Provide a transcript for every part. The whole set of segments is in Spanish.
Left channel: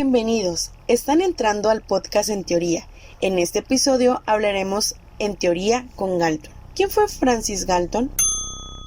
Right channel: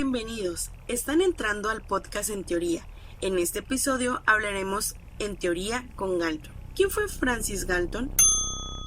Bienvenidos, están entrando al podcast En Teoría. En este episodio hablaremos en teoría con Galton. ¿Quién fue Francis Galton?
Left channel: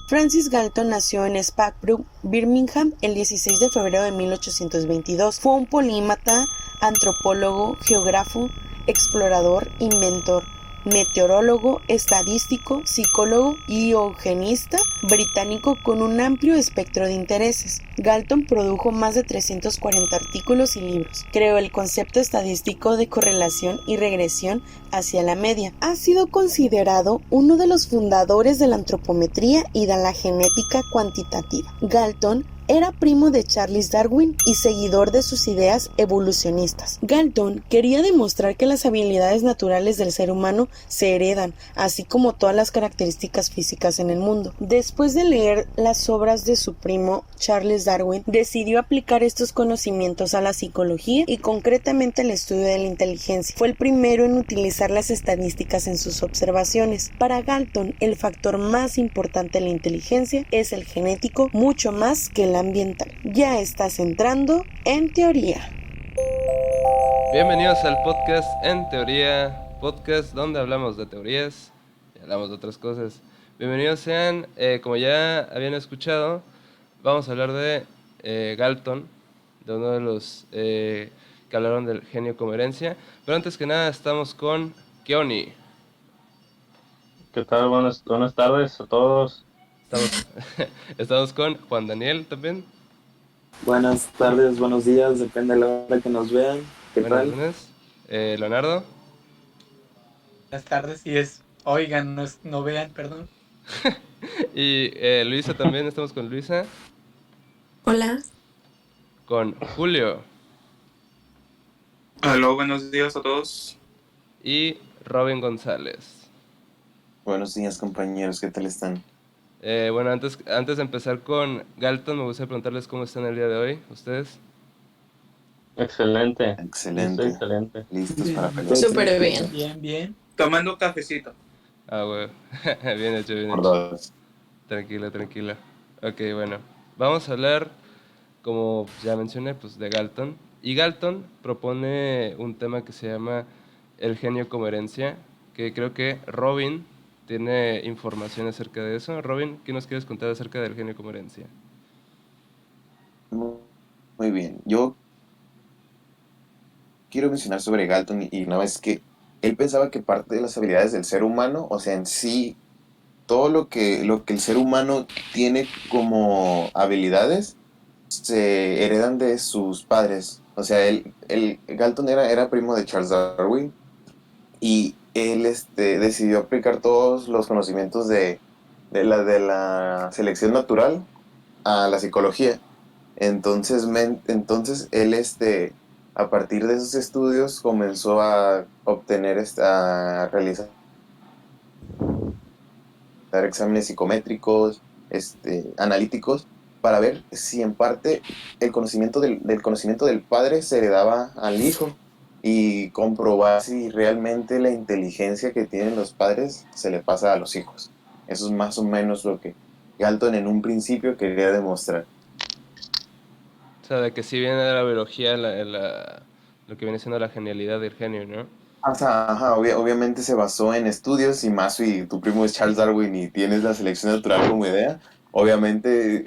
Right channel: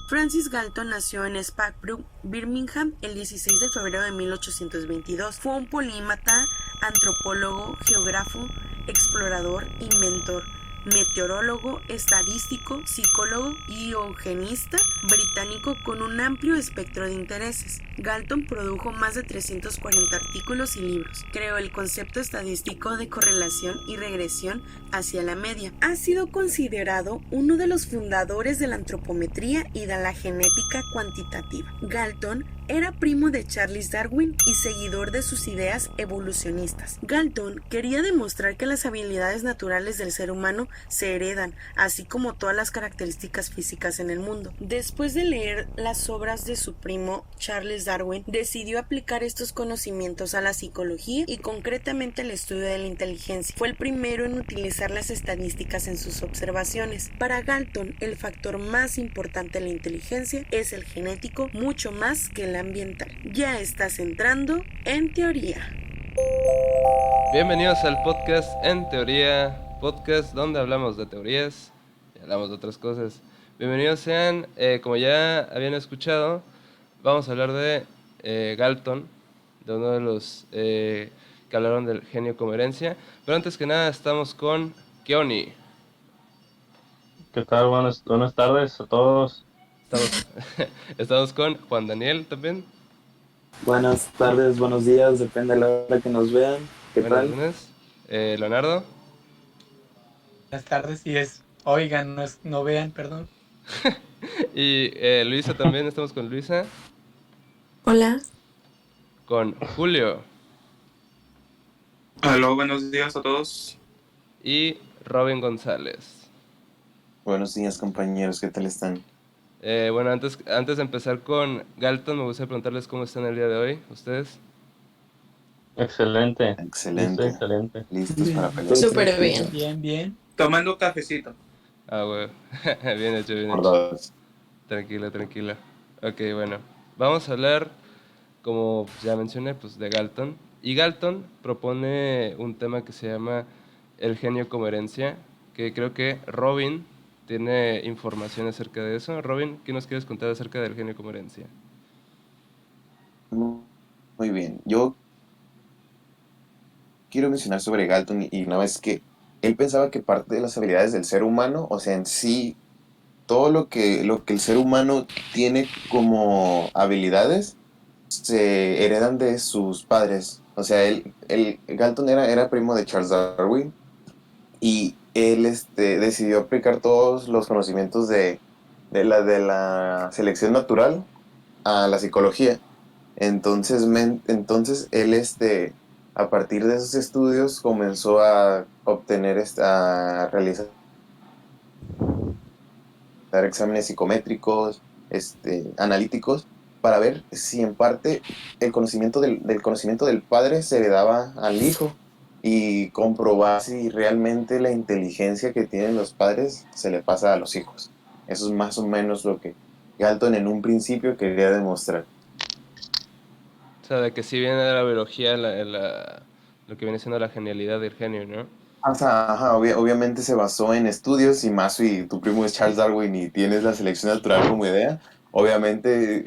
Francis Galton nació en Spackbrook, Birmingham, el 16 de febrero de 1822. Fue un polímata, antropólogo, geógrafo, explorador, inventor, meteorólogo, estadístico, psicólogo y eugenista británico con un amplio espectro de intereses. Galton produjo más de 340 artículos y libros. Creó el concepto estadístico de correlación y regresión hacia la media. Ha sido considerado uno de los fundadores de la antropometría y de la genética cuantitativa. Galton era primo de Charles Darwin y seguidor de sus ideas evolucionistas. Galton quería demostrar que las habilidades naturales del ser humano se heredan, así como todas las características físicas en el mundo. Después de leer las obras de su primo Charles Darwin, decidió aplicar estos conocimientos a la psicología y concretamente al estudio de la inteligencia. Fue el primero en utilizar las estadísticas en sus observaciones. Para Galton, el factor más importante de la inteligencia es el genético, mucho más que el ambiental. Ya estás entrando en teoría. Bienvenidos al podcast En Teoría, podcast donde hablamos de teorías y hablamos de otras cosas. Bienvenidos sean, como ya habían escuchado, vamos a hablar de Galton, de uno de los que hablaron del genio coherencia. Pero antes que nada estamos con Keoni. ¿Qué tal? Buenas tardes a todos. Estamos con Juan Daniel también. Buenas tardes, buenos días, depende de la hora que nos vean. ¿Qué Buenas tal? lunes. Leonardo. Buenas tardes, no vean, perdón. Y Luisa también, estamos con Luisa. Hola. Con Julio. Hola, buenos días a todos. Y Robin González. Buenos días, compañeros, ¿qué tal están? Bueno, antes de empezar con Galton, me gustaría preguntarles cómo están el día de hoy, ustedes. Excelente. Excelente. Excelente. Listos para pelear. Súper bien. Bien. Tomando un cafecito. Ah, güey. Bien hecho, bien Por hecho. dos. Tranquila. Ok, bueno. Vamos a hablar, como ya mencioné, pues de Galton. Y Galton propone un tema que se llama el genio coherencia, que creo que Robin tiene información acerca de eso. Robin, ¿qué nos quieres contar acerca del genio coherencia? Muy bien. Yo quiero mencionar sobre Galton y no es que él pensaba que parte de las habilidades del ser humano, o sea, en sí, todo lo que el ser humano tiene como habilidades se heredan de sus padres. O sea, Galton era primo de Charles Darwin y él decidió aplicar todos los conocimientos de la selección natural a la psicología. Entonces él a partir de esos estudios comenzó a obtener a realizar exámenes psicométricos, analíticos, para ver si en parte el conocimiento del conocimiento del padre se heredaba al hijo y comprobar si realmente la inteligencia que tienen los padres se le pasa a los hijos. Eso es más o menos lo que Galton en un principio quería demostrar. O sea, de que sí viene de la biología lo que viene siendo la genialidad del genio, ¿no? Ajá, obviamente se basó en estudios y más si tu primo es Charles Darwin y tienes la selección natural como idea, obviamente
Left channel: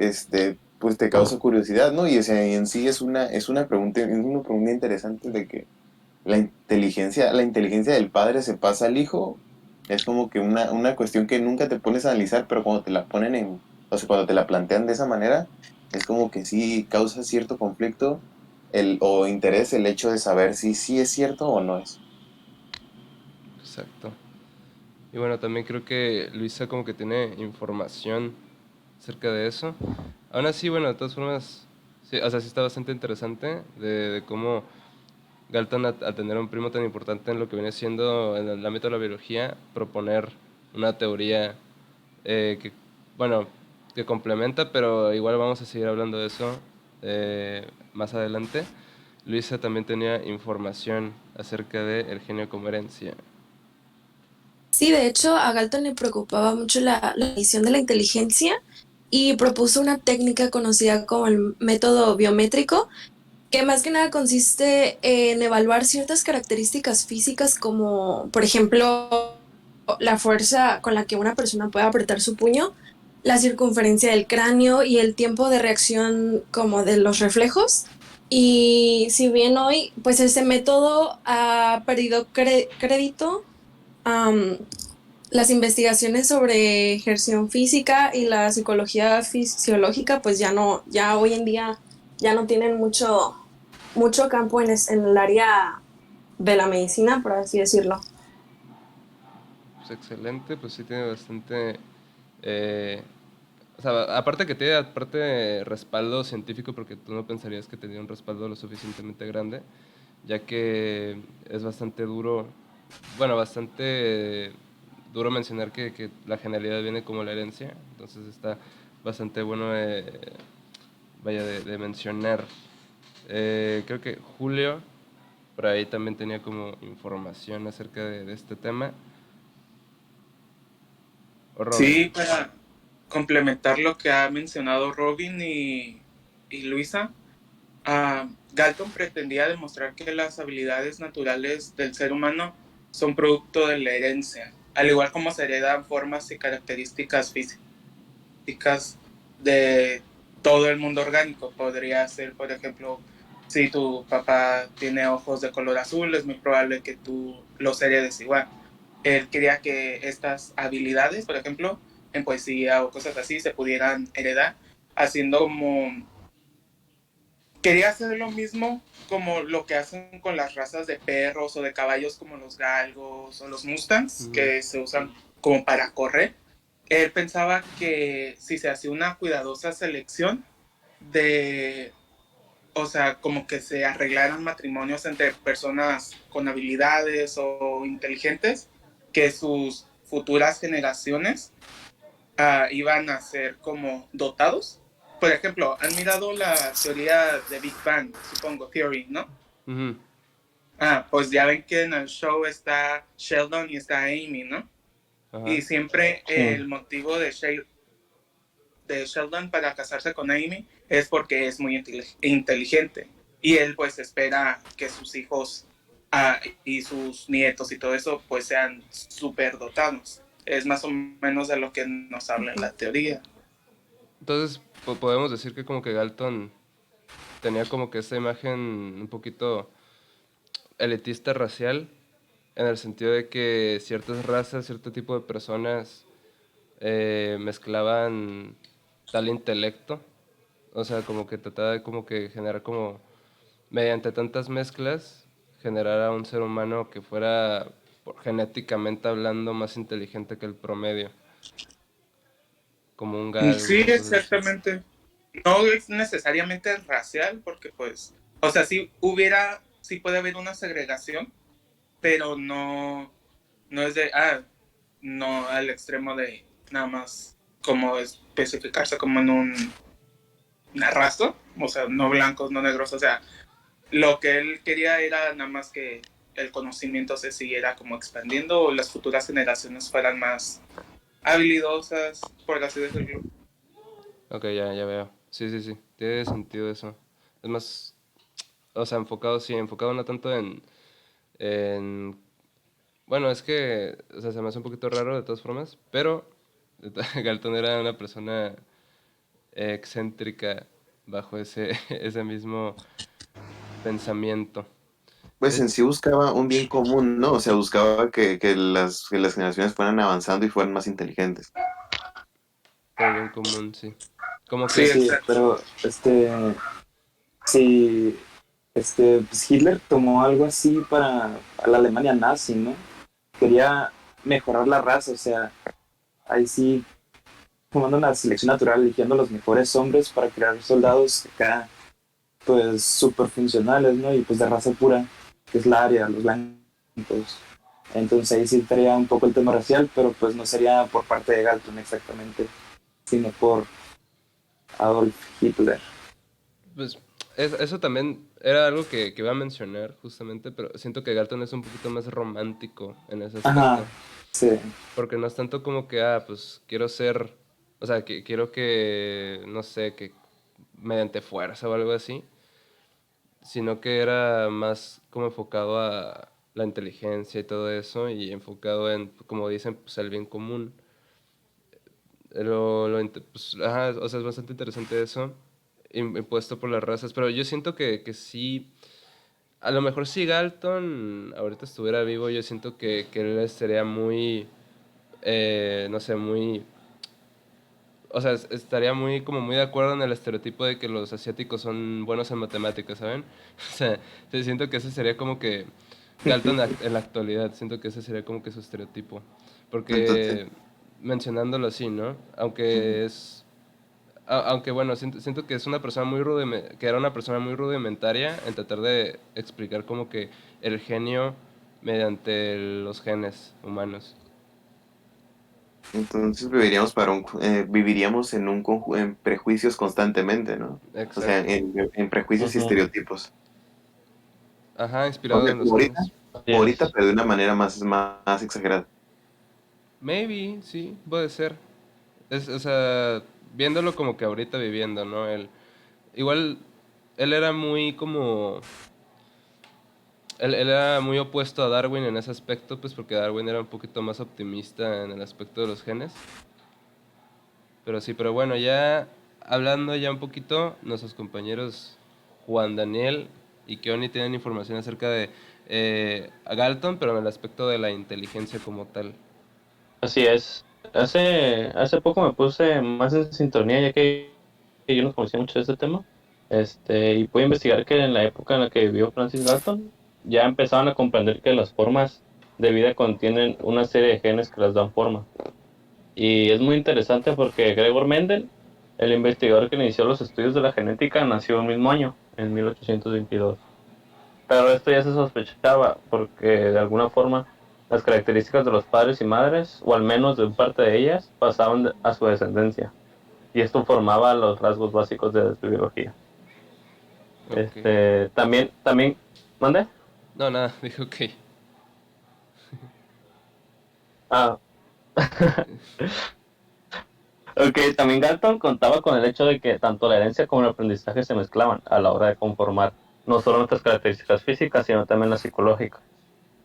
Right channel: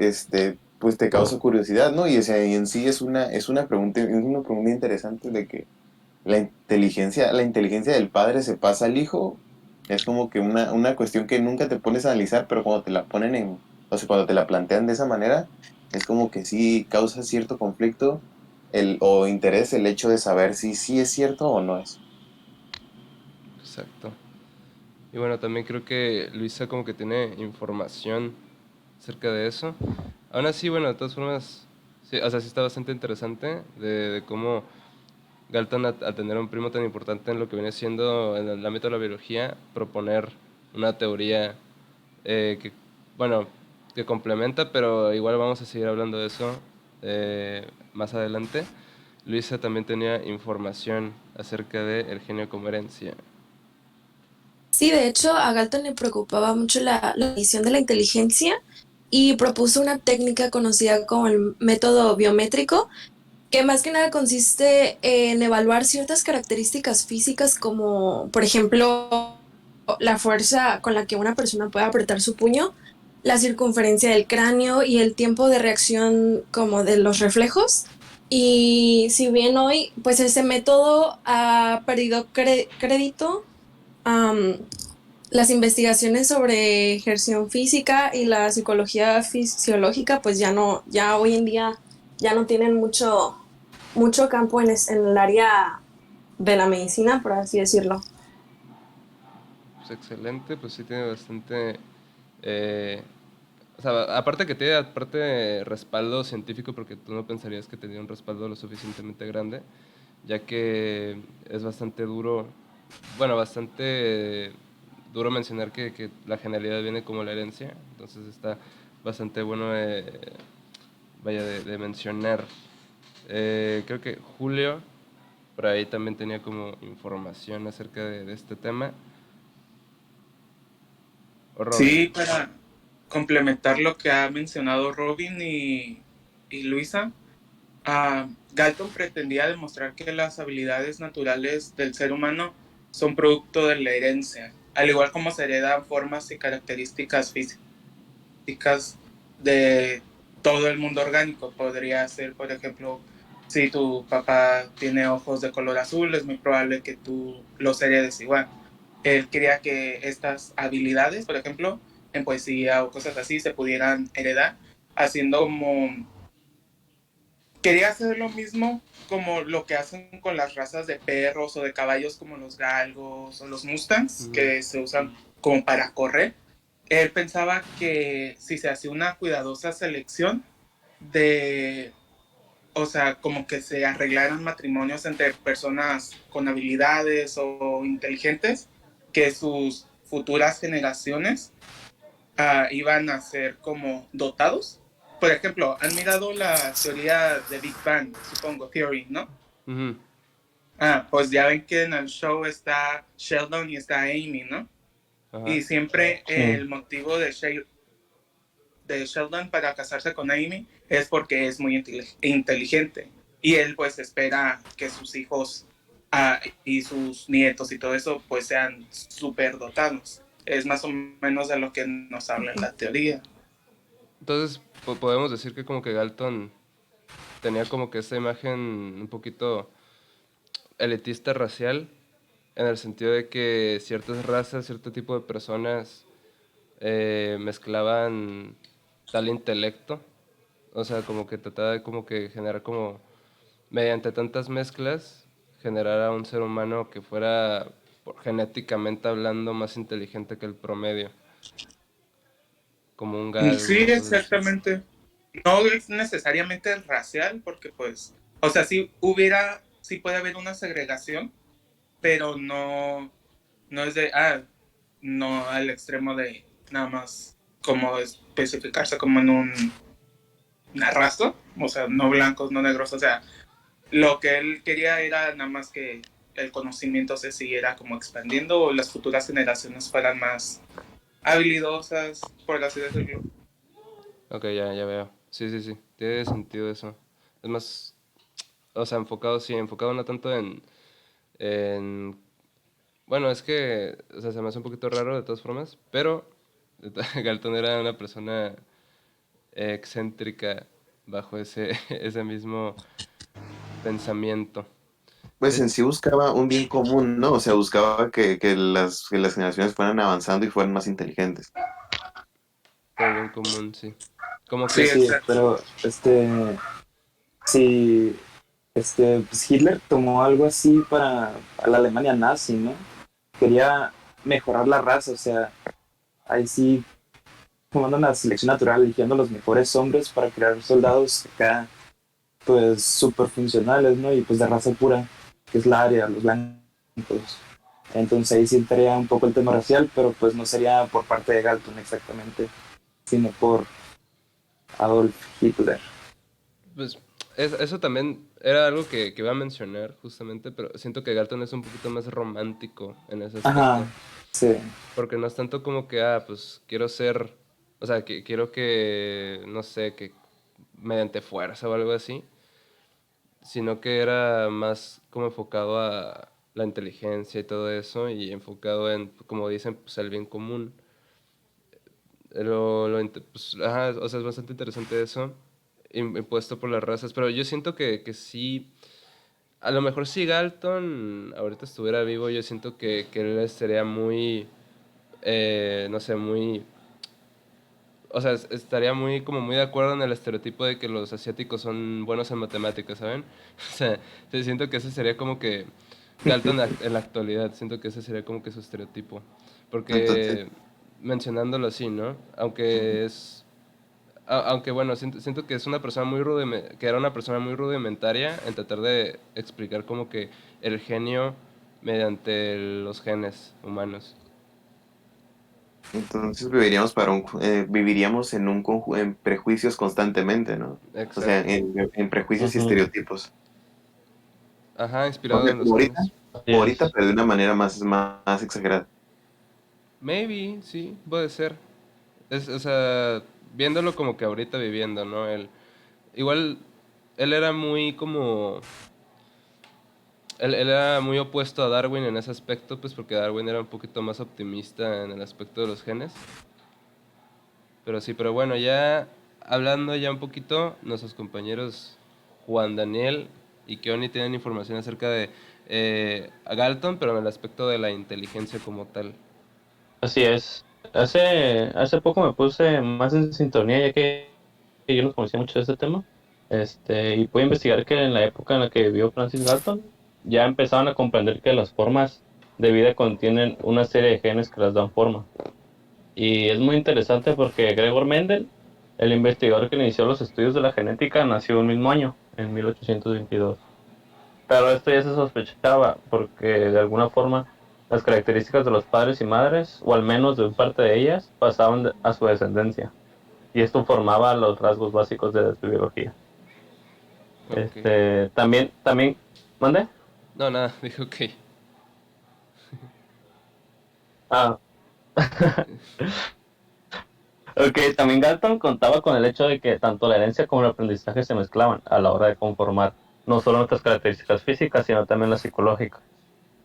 pues te causa curiosidad, ¿no? Y, o sea, y en sí es una pregunta interesante de que la inteligencia del padre se pasa al hijo. Es como que una cuestión que nunca te pones a analizar, pero cuando te la ponen o sea, cuando te la plantean de esa manera, es como que sí causa cierto conflicto o interés el hecho de saber si sí es cierto o no es. Exacto. Y bueno, también creo que Luisa como que tiene información acerca de eso. Aún así, bueno, de todas formas, sí, o sea, sí está bastante interesante de cómo Galton, al tener un primo tan importante en lo que viene siendo en el ámbito de la biología, proponer una teoría que, bueno, que complementa, pero igual vamos a seguir hablando de eso más adelante. Luisa también tenía información acerca del genio coherencia. Sí, de hecho, a Galton le preocupaba mucho la medición de la inteligencia y propuso una técnica conocida como el método biométrico, que más que nada consiste en evaluar ciertas características físicas como, por ejemplo, la fuerza con la que una persona puede apretar su puño, la circunferencia del cráneo y el tiempo de reacción como de los reflejos. Y si bien hoy, pues ese método ha perdido crédito, am, las investigaciones sobre ejerción física y la psicología fisiológica, pues ya hoy en día ya no tienen mucho campo en el área de la medicina, por así decirlo. Pues excelente, pues sí tiene bastante... eh, o sea, aparte que tiene aparte respaldo científico, porque tú no pensarías que tenía un respaldo lo suficientemente grande, ya que es bastante duro, bueno, bastante duro mencionar que la genialidad viene como la herencia, entonces está bastante bueno, vaya, de mencionar. Creo que Julio, por ahí también tenía como información acerca de este tema, o Robin. Sí, para complementar lo que ha mencionado Robin y Luisa, Galton pretendía demostrar que las habilidades naturales del ser humano son producto de la herencia, al igual como se heredan formas y características físicas de todo el mundo orgánico. Podría ser, por ejemplo, si tu papá tiene ojos de color azul, es muy probable que tú los heredes igual. Él quería que estas habilidades, por ejemplo, en poesía o cosas así, se pudieran heredar, haciendo como... Quería hacer lo mismo como lo que hacen con las razas de perros o de caballos como los galgos o los mustangs, Ujú. que se usan como para correr. Él pensaba que si se hacía una cuidadosa selección de, o sea, como que se arreglaran matrimonios entre personas con habilidades o inteligentes, que sus futuras generaciones iban a ser como dotados. Por ejemplo, han mirado la teoría de Big Bang, supongo, Theory, ¿no? Ujú. Pues ya ven que en el show está Sheldon y está Amy, ¿no? Ajá. Y siempre Sí. el motivo de Sheldon para casarse con Amy es porque es muy inteligente. Y él pues espera que sus hijos y sus nietos y todo eso pues sean súper dotados. Es más o menos de lo que nos habla en la teoría. Entonces, podemos decir que como que Galton tenía como que esta imagen un poquito elitista racial, en el sentido de que ciertas razas, cierto tipo de personas mezclaban tal intelecto, o sea, como que trataba de como que generar como, mediante tantas mezclas, generar a un ser humano que fuera genéticamente hablando más inteligente que el promedio, como un Sí, galgo, cosas así. exactamente. No es necesariamente racial, porque pues, o sea, sí puede haber una segregación, pero no es no al extremo de nada más como especificarse como en una raza, o sea, no blancos, no negros, o sea, lo que él quería era nada más que el conocimiento se siguiera como expandiendo o las futuras generaciones fueran más habilidosas, por así decirlo. Ok, ya veo. Sí, sí, sí. Tiene sentido eso. Es más, o sea, enfocado, sí, enfocado no tanto en... Bueno, es que, o sea, se me hace un poquito raro de todas formas, pero Galton era una persona excéntrica bajo ese mismo pensamiento. Pues De en sí buscaba un bien común, ¿no? O sea, buscaba que las generaciones fueran avanzando y fueran más inteligentes. por bien común, sí. Como Sí, Sí, que... sí, exacto. pero sí, pues Hitler tomó algo así para la Alemania nazi, ¿no? Quería mejorar la raza, o sea, ahí sí, tomando una selección natural, eligiendo los mejores hombres para crear soldados acá, pues súper funcionales, ¿no? Y pues de raza pura, que es la área, los blancos. Entonces ahí sí entraría un poco el tema racial, pero pues no sería por parte de Galton exactamente, sino por Adolf Hitler. Pues eso también era algo que iba a mencionar justamente, pero siento que Galton es un poquito más romántico en ese Ajá, aspecto. sí, Porque no es tanto como que, pues quiero ser, o sea, quiero que, no sé, que mediante fuerza o algo así, sino que era más como enfocado a la inteligencia y todo eso, y enfocado en, como dicen, pues el bien común. Pues, ajá, o sea, es bastante interesante eso, impuesto por las razas, pero yo siento que sí, a lo mejor si Galton ahorita estuviera vivo, yo siento que él sería muy, no sé, muy, o sea, estaría muy, como muy de acuerdo en el estereotipo de que los asiáticos son buenos en matemáticas, ¿saben? O sea, siento que ese sería como que Galton en la actualidad, siento que ese sería como que su estereotipo. Entonces, Porque mencionándolo así, ¿no? Aunque es, aunque bueno, siento que es una persona muy que era una persona muy rudimentaria en tratar de explicar como que el genio mediante los genes humanos. entonces viviríamos viviríamos en en prejuicios constantemente, ¿no? O sea, Exacto. en prejuicios y Ujú. estereotipos. Ajá, O inspirado sea, en los genes. Así ahorita, es. pero de una manera más exagerada. Maybe, sí, puede ser. O sea, viéndolo como que ahorita viviendo, ¿no? Igual, él era muy como... Él era muy opuesto a Darwin en ese aspecto, pues porque Darwin era un poquito más optimista en el aspecto de los genes. Pero sí, pero bueno, ya hablando ya un poquito, nuestros compañeros Juan Daniel y Keoni tienen información acerca de a Galton, pero en el aspecto de la inteligencia como tal. Así es. Hace poco me puse más en sintonía, ya que yo no conocía mucho de este tema. Y pude investigar que en la época en la que vivió Francis Galton, ya empezaban a comprender que las formas de vida contienen una serie de genes que las dan forma. Y es muy interesante porque Gregor Mendel, el investigador que inició los estudios de la genética, nació el mismo año, en 1822. Pero esto ya se sospechaba porque de alguna forma las características de los padres y madres, o al menos de parte de ellas, pasaban a su descendencia. Y esto formaba los rasgos básicos de su biología. Ok. También, ¿mande? No, nada, dije ok. Ah, ok, también Galton contaba con el hecho de que tanto la herencia como el aprendizaje se mezclaban a la hora de conformar no solo nuestras características físicas, sino también las psicológicas.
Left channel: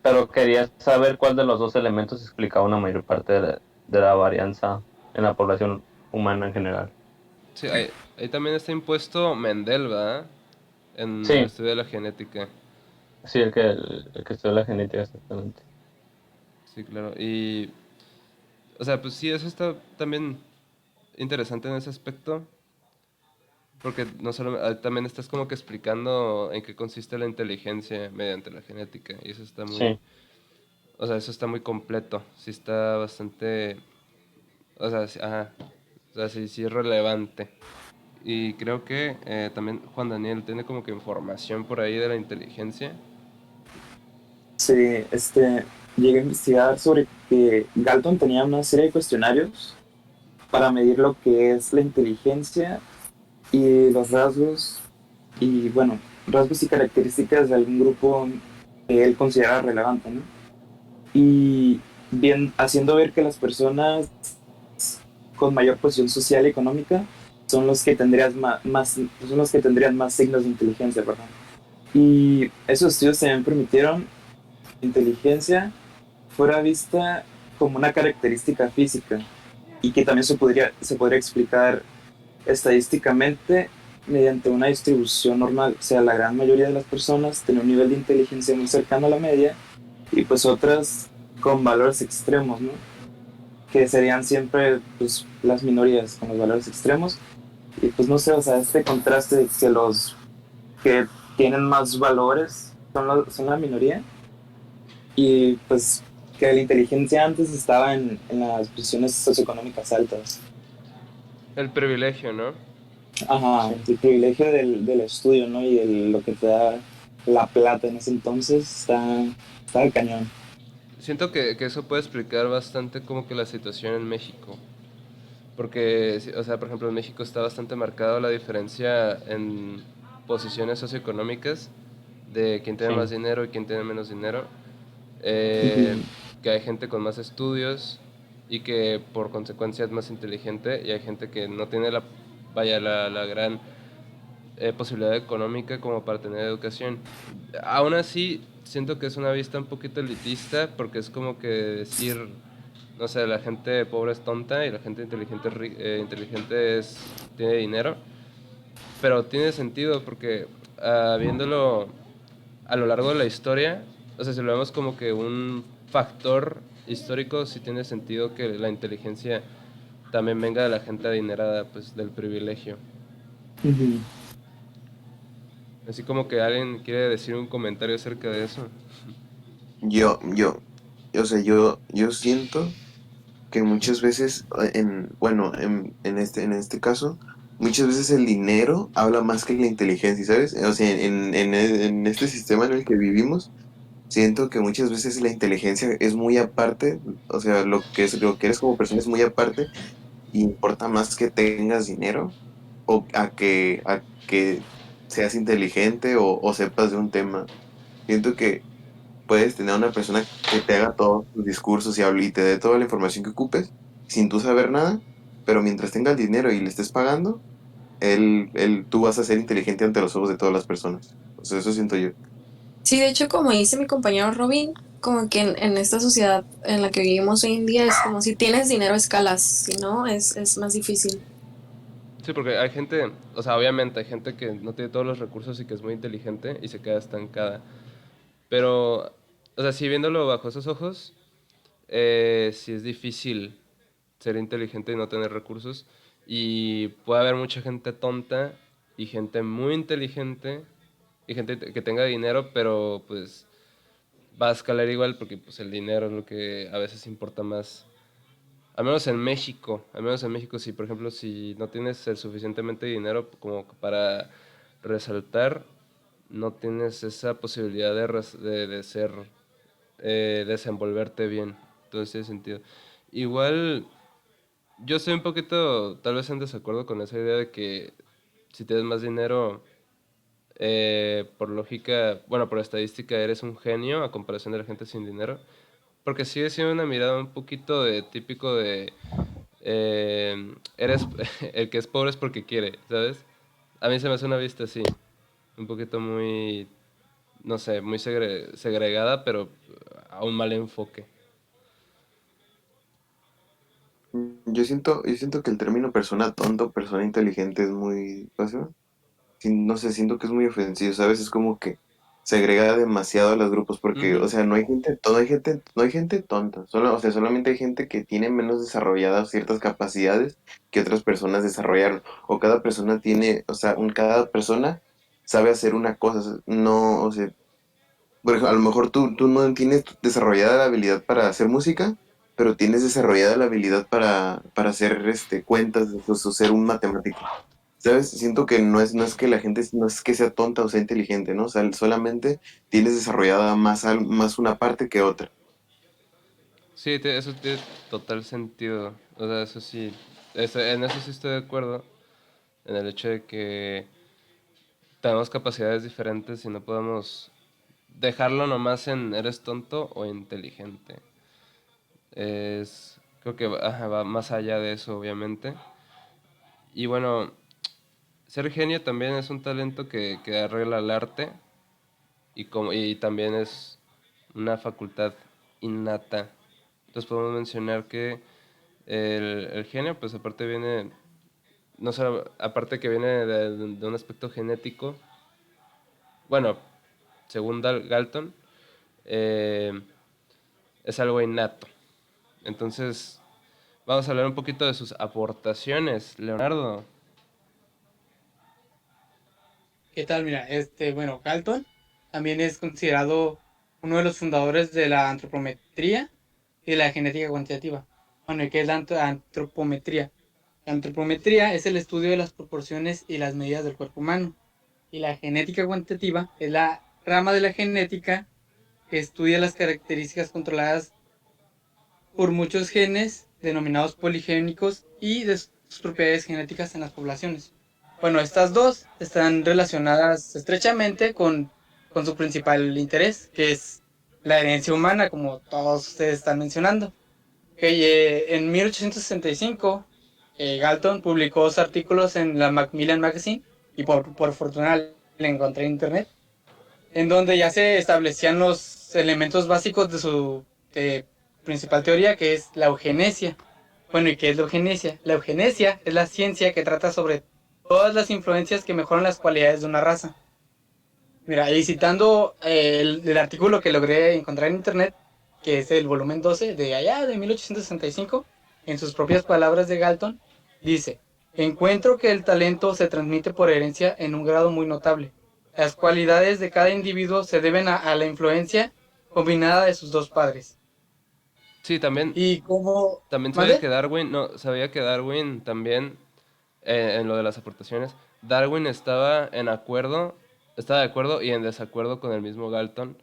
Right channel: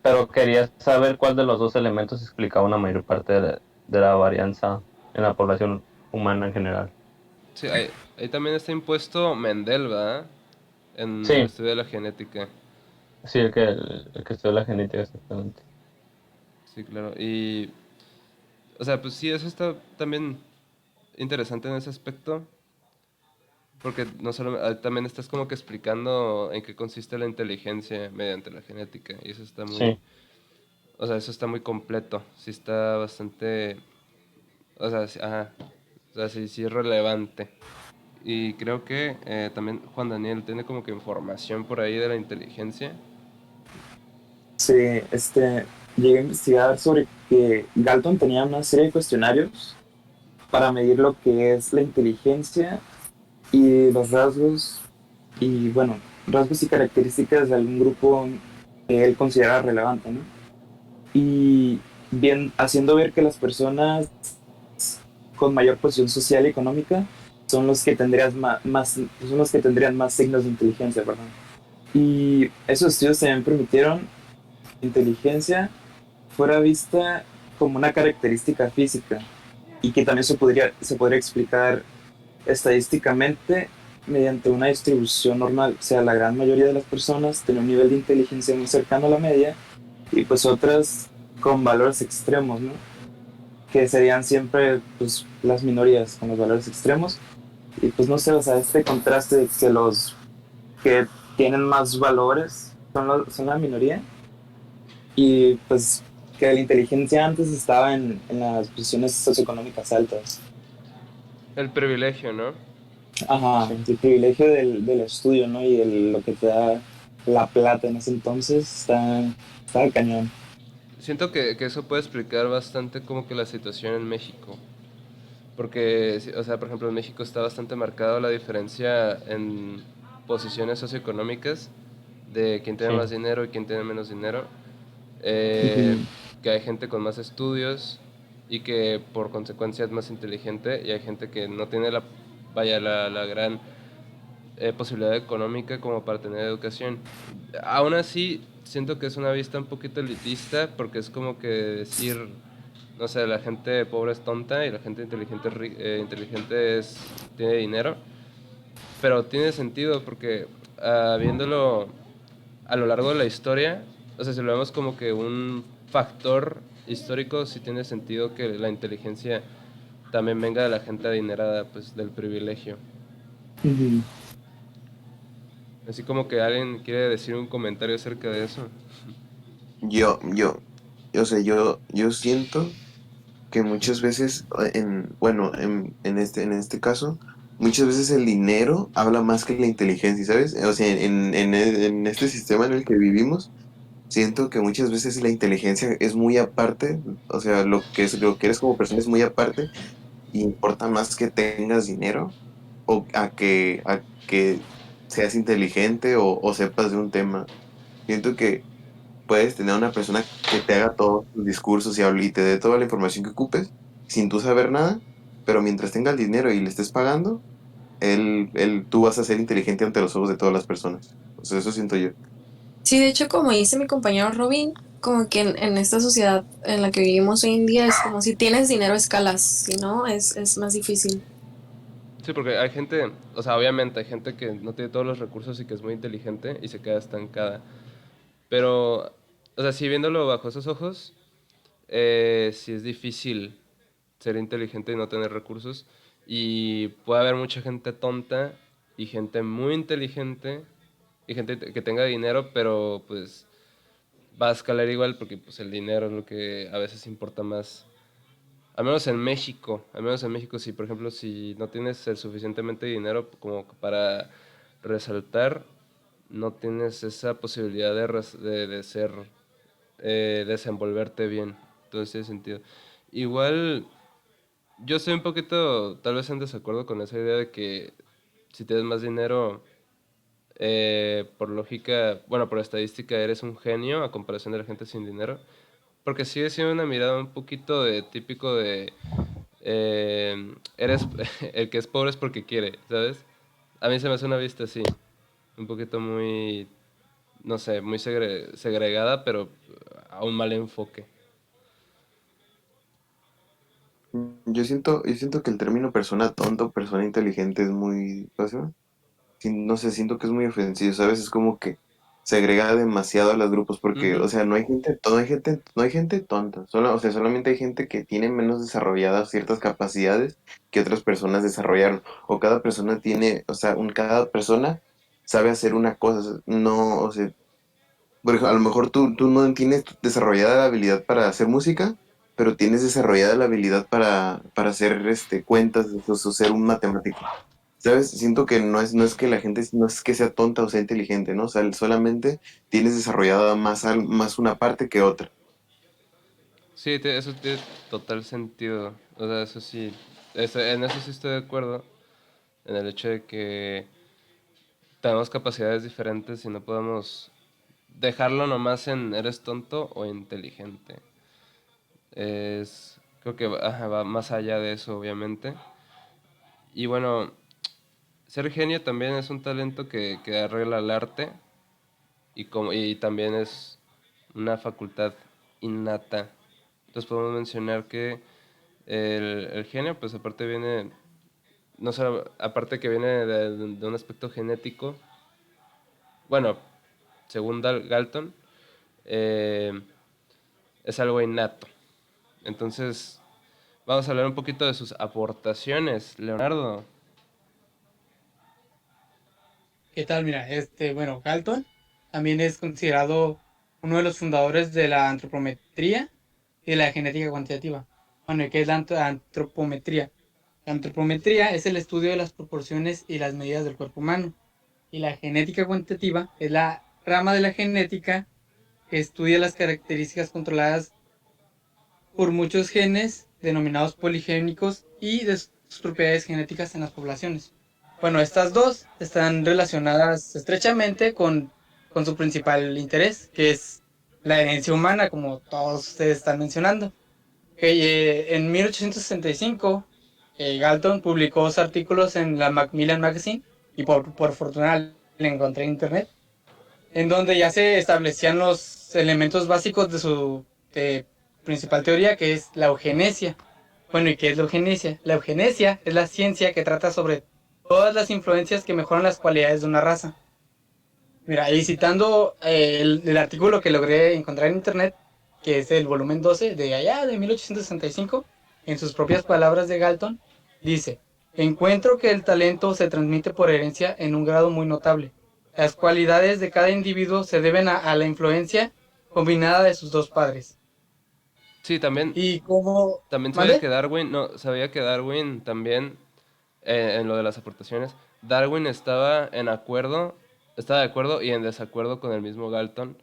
Pero quería saber cuál de los dos elementos explicaba una mayor parte de la varianza en la población humana en general. Sí, ahí también está impuesto Mendel, ¿verdad? En el Sí, estudio de la genética. sí, el que estudia la genética exactamente. Sí, claro. Y, o sea, pues sí, eso está también interesante en ese aspecto, porque no solo, también estás como que explicando en qué consiste la inteligencia mediante la genética, y eso está muy, Sí, o sea, eso está muy completo, sí está bastante, o sea, ajá, o sea, sí, sí es relevante. Y creo que también Juan Daniel tiene como que información por ahí de la inteligencia. Sí, llegué a investigar sobre que Galton tenía una serie de cuestionarios para medir lo que es la inteligencia y los rasgos y bueno, rasgos y características de algún grupo que él considera relevante, ¿no? Y bien, haciendo ver que las personas con mayor posición social y económica son los que son los que tendrían más signos de inteligencia, perdón. Y esos estudios también permitieron que la inteligencia fuera vista como una característica física y que también se podría explicar estadísticamente mediante una distribución normal. O sea, la gran mayoría de las personas tienen un nivel de inteligencia muy cercano a la media y pues otras con valores extremos, ¿no? Que serían siempre pues, las minorías con los valores extremos. Y pues no sé, o sea, este contraste de que los que tienen más valores son la minoría y pues que la inteligencia antes estaba en las posiciones socioeconómicas altas. El privilegio, ¿no? Ajá, sí. el privilegio del estudio, ¿no? Y lo que te da la plata en ese entonces está de cañón. Siento que eso puede explicar bastante como que la situación en México. Porque, o sea, por ejemplo, en México está bastante marcada la diferencia en posiciones socioeconómicas de quién tiene más Sí. dinero y quién tiene menos dinero. Ujú. Que hay gente con más estudios y que por consecuencia es más inteligente y hay gente que no tiene vaya, la gran posibilidad económica como para tener educación. Aún así, siento que es una vista un poquito elitista porque es como que decir, no sé, la gente pobre es tonta y la gente inteligente, tiene dinero. Pero tiene sentido porque viéndolo a lo largo de la historia, o sea, si lo vemos como que un factor histórico, sí tiene sentido que la inteligencia también venga de la gente adinerada, pues del privilegio. Ujú. Así como que alguien quiere decir un comentario acerca de eso. Yo, yo, o sea, yo siento que muchas veces, en este caso, muchas veces el dinero habla más que la inteligencia, ¿sabes? O sea, en este sistema en el que vivimos, siento que muchas veces la inteligencia es muy aparte, o sea, lo que eres como persona es muy aparte, y importa más que tengas dinero o a que seas inteligente o sepas de un tema. Siento que puedes tener una persona que te haga todos tus discursos y hable y te dé toda la información que ocupes sin tú saber nada, pero mientras tenga el dinero y le estés pagando, tú vas a ser inteligente ante los ojos de todas las personas. O sea, eso siento yo. Sí, de hecho, como dice mi compañero Robin, como que en esta sociedad en la que vivimos hoy en día es como si tienes dinero escalas, si no, es más difícil. Sí, porque hay gente, o sea, obviamente hay gente que no tiene todos los recursos y que es muy inteligente y se queda estancada. Pero, o sea, sí viéndolo bajo esos ojos, sí es difícil ser inteligente y no tener recursos. Y puede haber mucha gente tonta y gente muy inteligente y gente que tenga dinero, pero pues va a escalar igual porque pues el dinero es lo que a veces importa más. Al menos en México, si por ejemplo, si no tienes el suficientemente dinero como para resaltar, no tienes esa posibilidad de ser, desenvolverte bien. Entonces tiene sentido. Igual, yo estoy un poquito, tal vez en desacuerdo con esa idea de que si tienes más dinero, por lógica, bueno, por estadística, eres un genio a comparación de la gente sin dinero. Porque sigue siendo una mirada un poquito de típico de eres el que es pobre es porque quiere, ¿sabes? A mí se me hace una vista así, un poquito muy, no sé, muy segregada, pero a un mal enfoque. Yo siento que el término persona tonta o persona inteligente es muy, ¿cómo se llama? No sé, siento que es muy ofensivo, ¿sabes? Es como que segrega demasiado a los grupos porque, o Ujú. sea, no hay gente tonta, o sea, solamente hay gente que tiene menos desarrolladas ciertas capacidades que otras personas desarrollaron, o cada persona tiene, o sea, cada persona sabe hacer una cosa, no, o sea, por ejemplo, a lo mejor tú no tienes desarrollada la habilidad para hacer música, pero tienes desarrollada la habilidad para hacer cuentas, o ser un matemático. ¿Sabes? Siento que no es que la gente, no es que sea tonta o sea inteligente, ¿no? O sea, solamente tienes desarrollada más una parte que otra. Sí, eso tiene total sentido. O sea, eso sí, en eso sí estoy de acuerdo, en el hecho de que tenemos capacidades diferentes y no podemos dejarlo nomás en eres tonto o inteligente. Creo que ajá, va más allá de eso, obviamente. Y bueno, ser genio también es un talento que arregla el arte y también es una facultad innata. Entonces podemos mencionar que el genio, pues aparte viene, no solo, aparte que viene de un aspecto genético, bueno, según Galton, eh, es algo innato. Entonces, vamos a hablar un poquito de sus aportaciones, Leonardo. ¿Qué tal? Mira, bueno, Galton también es considerado uno de los fundadores de la antropometría y de la genética cuantitativa. Bueno, ¿y qué es la antropometría? La antropometría es el estudio de las proporciones y las medidas del cuerpo humano. Y la genética cuantitativa es la rama de la genética que estudia las características controladas por muchos genes denominados poligénicos y de sus propiedades genéticas en las poblaciones. Bueno, estas dos están relacionadas estrechamente con su principal interés, que es la herencia humana, como todos ustedes están mencionando. En 1865, Galton publicó dos artículos en la Macmillan Magazine y por fortuna le encontré en internet, en donde ya se establecían los elementos básicos de su principal teoría, que es la eugenesia. Bueno, ¿y qué es la eugenesia? La eugenesia es la ciencia que trata sobre todas las influencias que mejoran las cualidades de una raza. Mira, ahí citando el artículo que logré encontrar en internet, que es el volumen 12 de allá de 1865, en sus propias palabras de Galton, dice: encuentro que el talento se transmite por herencia en un grado muy notable. Las cualidades de cada individuo se deben a la influencia combinada de sus dos padres. Sí, también, Y como... también sabía ¿Mande? que Darwin, no, sabía que Darwin también, en lo de las aportaciones, Darwin estaba de acuerdo y en desacuerdo con el mismo Galton,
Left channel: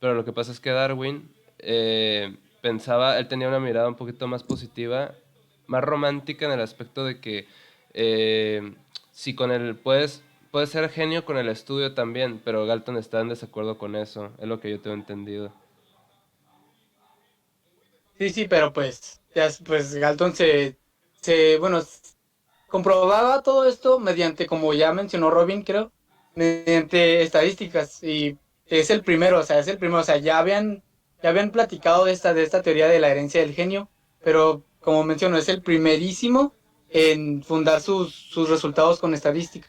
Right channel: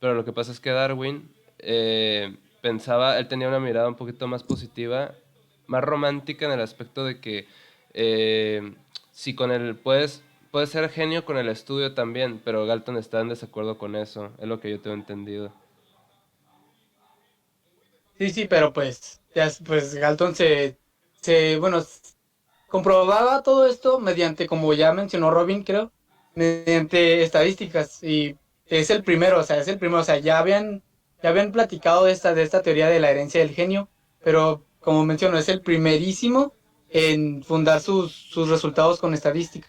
pero lo que pasa es que Darwin pensaba, él tenía una mirada un poquito más positiva, más romántica en el aspecto de que si con el puedes ser genio con el estudio también, pero Galton está en desacuerdo con eso, es lo que yo tengo entendido. Sí, sí, pero pues, ya, pues Galton bueno, comprobaba todo esto mediante, como ya mencionó Robin, creo, mediante estadísticas. Y es el primero, o sea, ya habían platicado de esta teoría de la herencia del genio, pero como menciono, es el primerísimo en fundar sus resultados con estadística.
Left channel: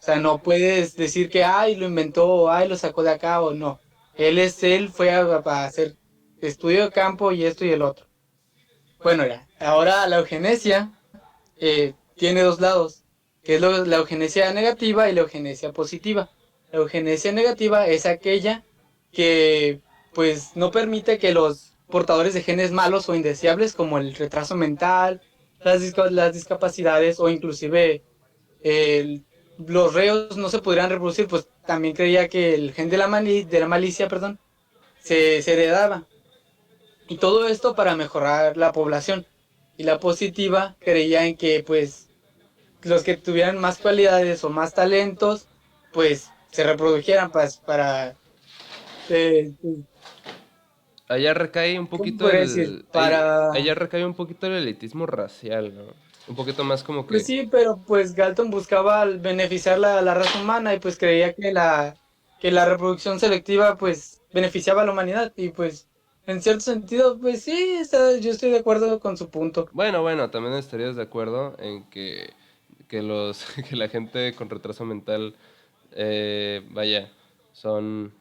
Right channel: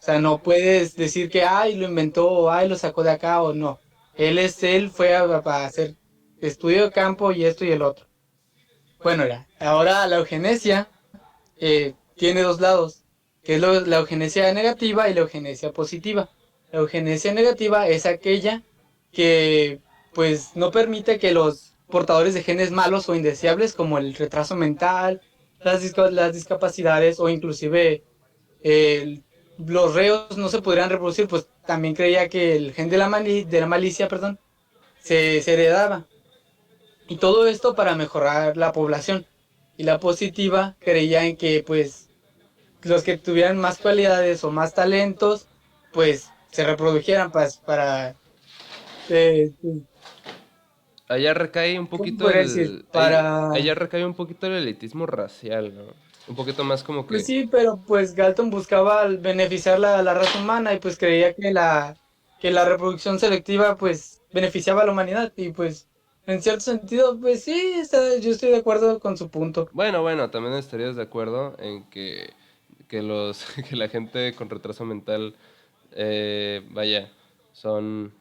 O sea, no puedes decir que, ay, lo inventó, o ay, lo sacó de acá, o no. Él fue a hacer estudio de campo y esto y el otro. Bueno, ya, ahora la eugenesia tiene dos lados, que es la eugenesia negativa y la eugenesia positiva. La eugenesia negativa es aquella que pues no permite que los portadores de genes malos o indeseables como el retraso mental, las discapacidades o inclusive el- los reos no se podrían reproducir, pues también creía que el gen de de la malicia, perdón, se heredaba. Y todo esto para mejorar la población. Y la positiva creía en que pues los que tuvieran más cualidades o más talentos, pues se reprodujeran eh, Allá recae un ¿cómo poquito podría decir? allá recae un poquito el elitismo racial, ¿no? Un poquito más como Pues que, sí, pero pues Galton buscaba beneficiar la raza humana y pues creía que la reproducción selectiva pues beneficiaba a la humanidad y pues en cierto sentido pues sí, yo estoy de acuerdo con su punto. bueno, también estarías de acuerdo en que que la gente con retraso mental, vaya, son,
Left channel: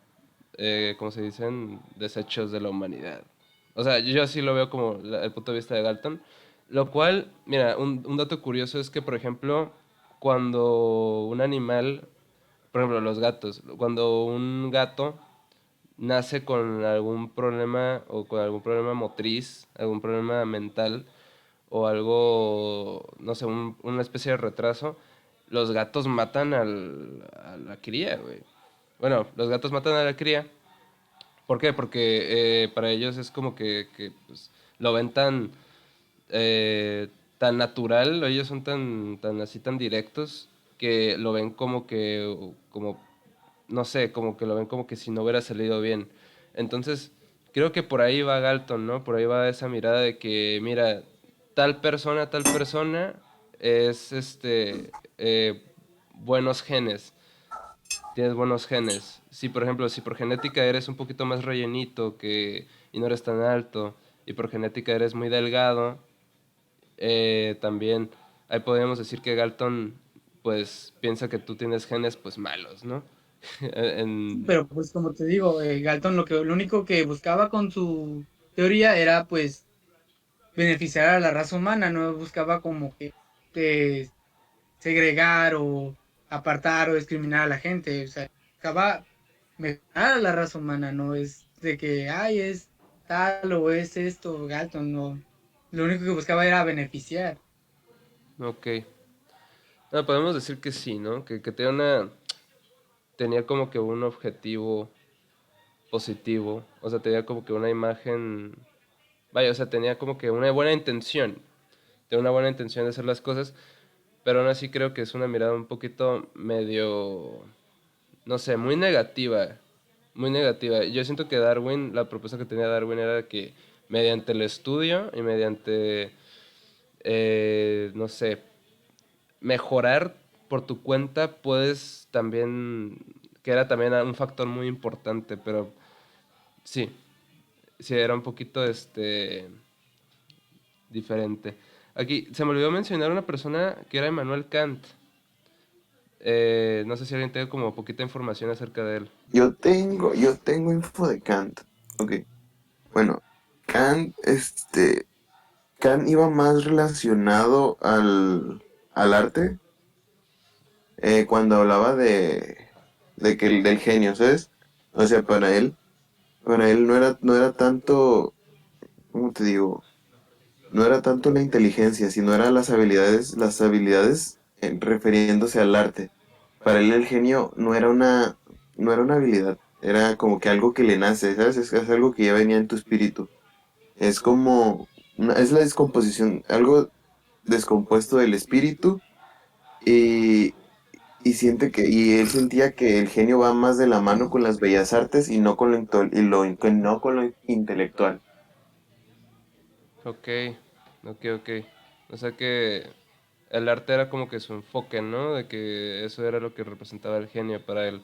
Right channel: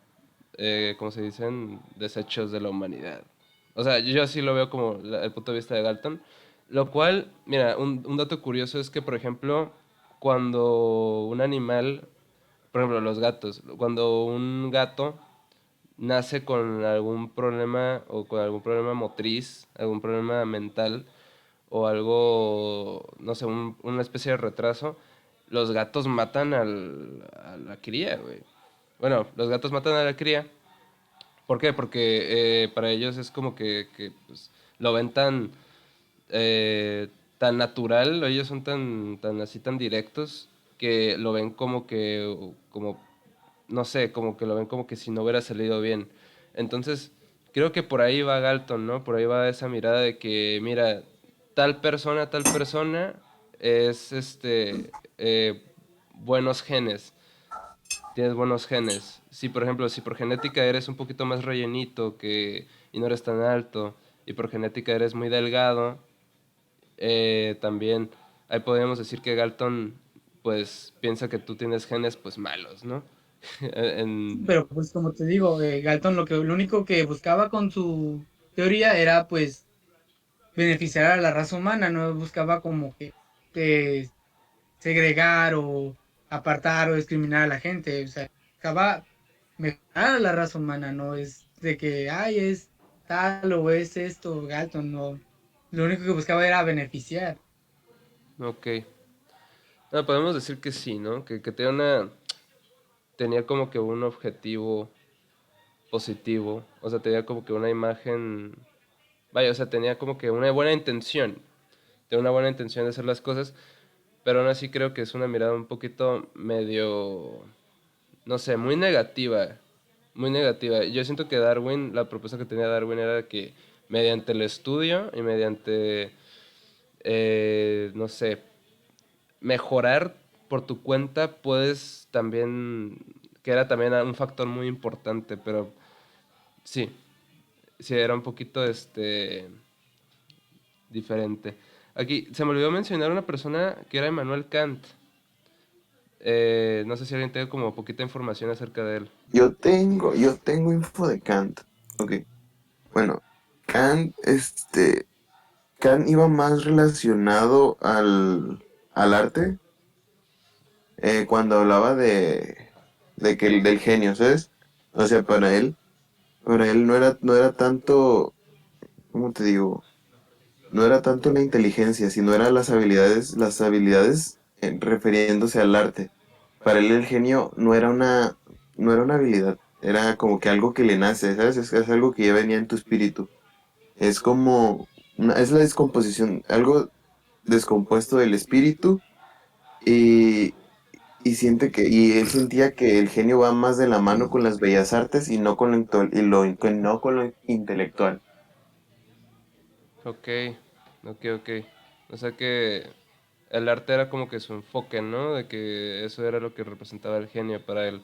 ¿cómo se dicen? Desechos de la humanidad. O sea, yo sí lo veo como el punto de vista de Galton. Lo cual, mira, un dato curioso es que, por ejemplo, cuando un animal, por ejemplo, los gatos, cuando un gato nace con algún problema o con algún problema motriz, algún problema mental o algo, no sé, una especie de retraso, los gatos matan a la cría, güey. Bueno, los gatos matan a la cría. ¿Por qué? Porque para ellos es como pues, lo ven tan natural, ellos son tan así, tan directos, que lo ven como no sé, como que lo ven como que si no hubiera salido bien. Entonces, creo que por ahí va Galton, ¿no? Por ahí va esa mirada de que, mira, tal persona es buenos genes, tienes buenos genes. Si, por ejemplo, si por genética eres un poquito más rellenito y no eres tan alto, y por genética eres muy delgado, también ahí podríamos decir que Galton pues piensa que tú tienes genes pues malos, ¿no? En- Pero pues como te digo, Galton lo único que buscaba con su teoría era pues beneficiar a la raza humana, no buscaba como que eh, segregar o apartar o discriminar a la gente, o sea, buscaba mejorar a la raza humana, no es de que, ay, es tal o es esto, Galton, no. Lo único que buscaba era beneficiar. ok. No, podemos decir que sí, ¿no? Que tenía como que un objetivo positivo, o sea, tenía como que una imagen, vaya, o sea, tenía como que una buena intención, tenía una buena intención de hacer las cosas, pero aún así creo que es una mirada un poquito medio, no sé, muy negativa, muy negativa. Yo siento que Darwin, la propuesta que tenía Darwin era que mediante el estudio y mediante, no sé, mejorar por tu cuenta puedes también, que era también un factor muy importante, pero sí, sí era un poquito diferente. Aquí se me olvidó mencionar una persona que era Immanuel Kant. No sé si alguien tiene como poquita información acerca de él. Yo tengo info de Kant. Ok. Bueno, Kant, Kant iba más relacionado al arte cuando hablaba de que del genio, ¿sabes? O sea, para él no era tanto, ¿cómo te digo? No era tanto la inteligencia, sino eran las habilidades refiriéndose al arte. Para él el genio no era una habilidad, era como que algo que le nace, ¿sabes? Es algo que ya venía en tu espíritu. Es como, es la descomposición, algo descompuesto del espíritu y, y él sentía que el genio va más de la mano con las bellas artes y no con no con lo intelectual. Ok, ok. O sea que el arte era como que su enfoque, ¿no? De que eso era lo que representaba el genio para él.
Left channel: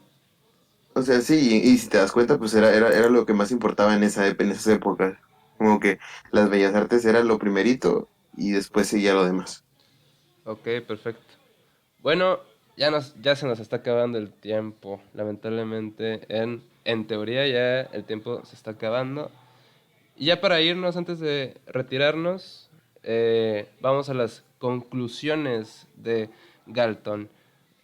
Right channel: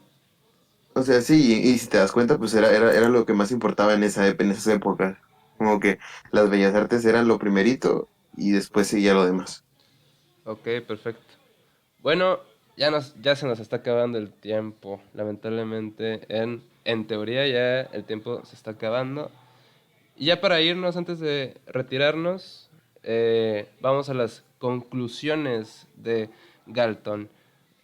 O sea, sí, y si te das cuenta, pues era lo que más importaba en esas épocas. Como que las bellas artes eran lo primerito y después seguía lo demás. Ok, perfecto. Bueno, ya se nos está acabando el tiempo. Lamentablemente, en teoría ya el tiempo se está acabando. Y ya para irnos, antes de retirarnos, vamos a las conclusiones de Galton.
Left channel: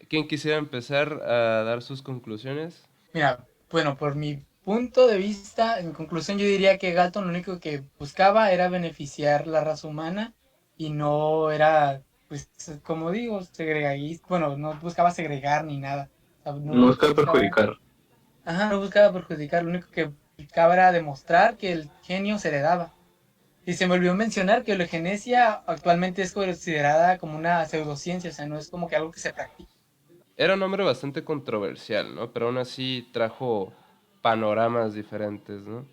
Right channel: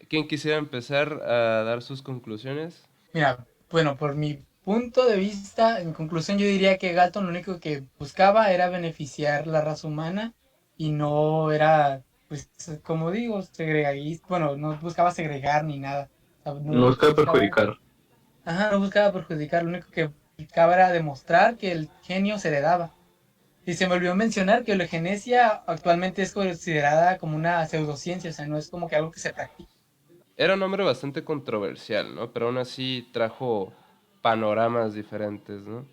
¿Quién quisiera empezar a dar sus conclusiones? Mira, bueno, por mi punto de vista, en conclusión, yo diría que Galton lo único que buscaba era beneficiar la raza humana y no era, pues, como digo, segregadista, bueno, no buscaba segregar ni nada. O sea, No busca perjudicar. Ajá, no buscaba perjudicar, lo único que buscaba era demostrar que el genio se heredaba. Y se me olvidó mencionar que la eugenesia actualmente es considerada como una pseudociencia, o sea, no es como que algo que se practica. Era un hombre bastante controversial, ¿no? Pero aún así trajo panoramas diferentes, ¿no?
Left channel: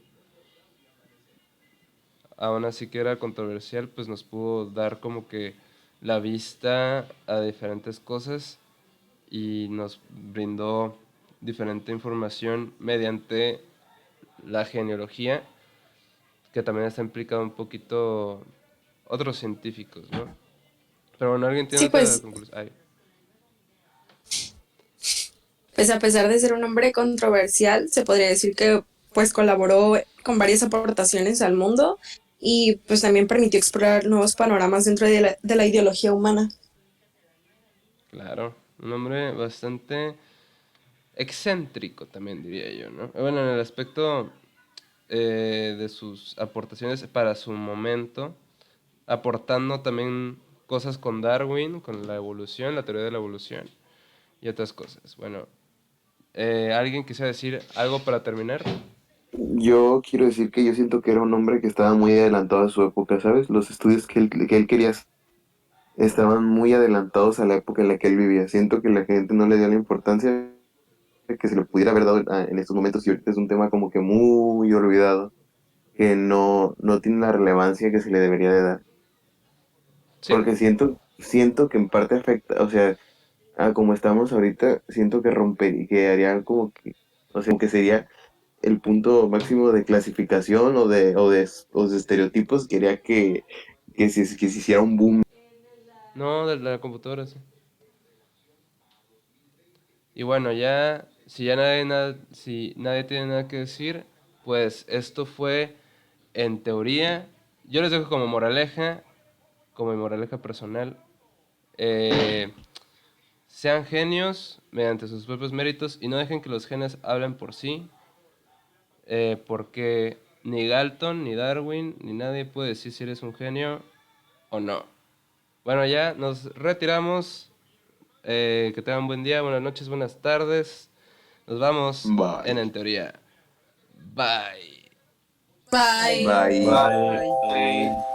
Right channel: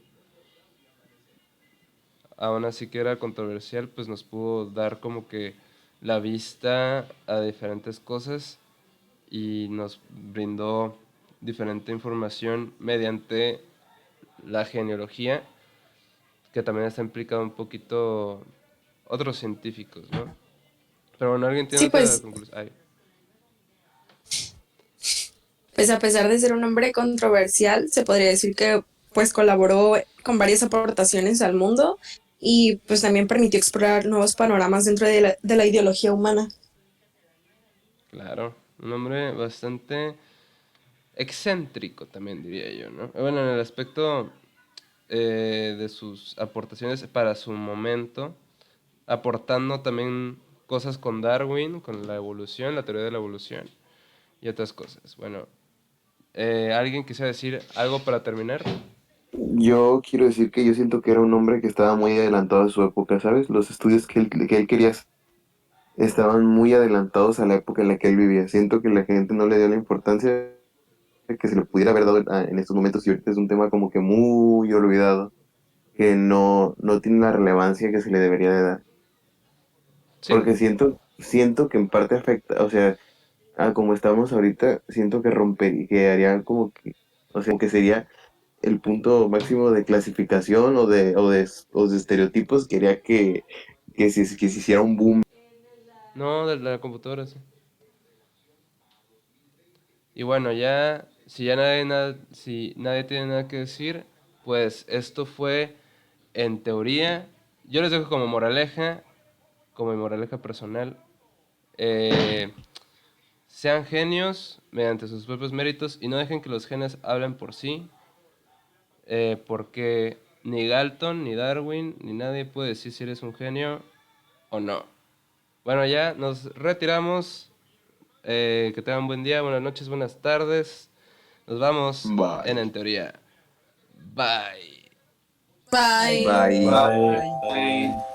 Aún así que era controversial, pues nos pudo dar como que la vista a diferentes cosas y nos brindó diferente información mediante la genealogía, que también está implicado un poquito otros científicos, ¿no? Pero bueno, ¿alguien tiene Sí, otra pues, conclusión? Ay, pues a pesar de ser un hombre controversial, se podría decir que pues colaboró con varias aportaciones al mundo y pues también permitió explorar nuevos panoramas dentro de la ideología humana. claro, un hombre bastante excéntrico también diría yo, ¿no? Bueno, en el aspecto de sus aportaciones para su momento, aportando también cosas con Darwin, con la evolución, la teoría de la evolución y otras cosas. Bueno, ¿alguien quisiera decir algo para terminar? Yo quiero decir que yo siento que era un hombre que estaba muy adelantado a su época, ¿sabes? Los estudios que él quería hacer estaban muy adelantados a la época en la que él vivía. Siento que la gente no le dio la importancia que se le pudiera haber dado en estos momentos y ahorita es un tema como que muy olvidado, que no tiene la relevancia que se le debería de dar. Sí, Porque siento que en parte afecta, o sea, a como estamos ahorita, siento que romper, que haría como que, o sea, que sería el punto máximo de clasificación o de estereotipos, que haría que se hiciera un boom. no, de la computadora, sí. Y bueno, ya, si ya si nadie tiene nada que decir, pues esto fue en teoría. Yo les dejo como mi moraleja personal. eh, Sean genios mediante sus propios méritos y no dejen que los genes hablen por sí, porque ni Galton, ni Darwin, ni nadie puede decir si eres un genio o no. Bueno, ya nos retiramos. Que tengan buen día, buenas noches, buenas tardes. Nos vamos Bye. En Teoría. Bye. Bye. Bye. Bye. Bye.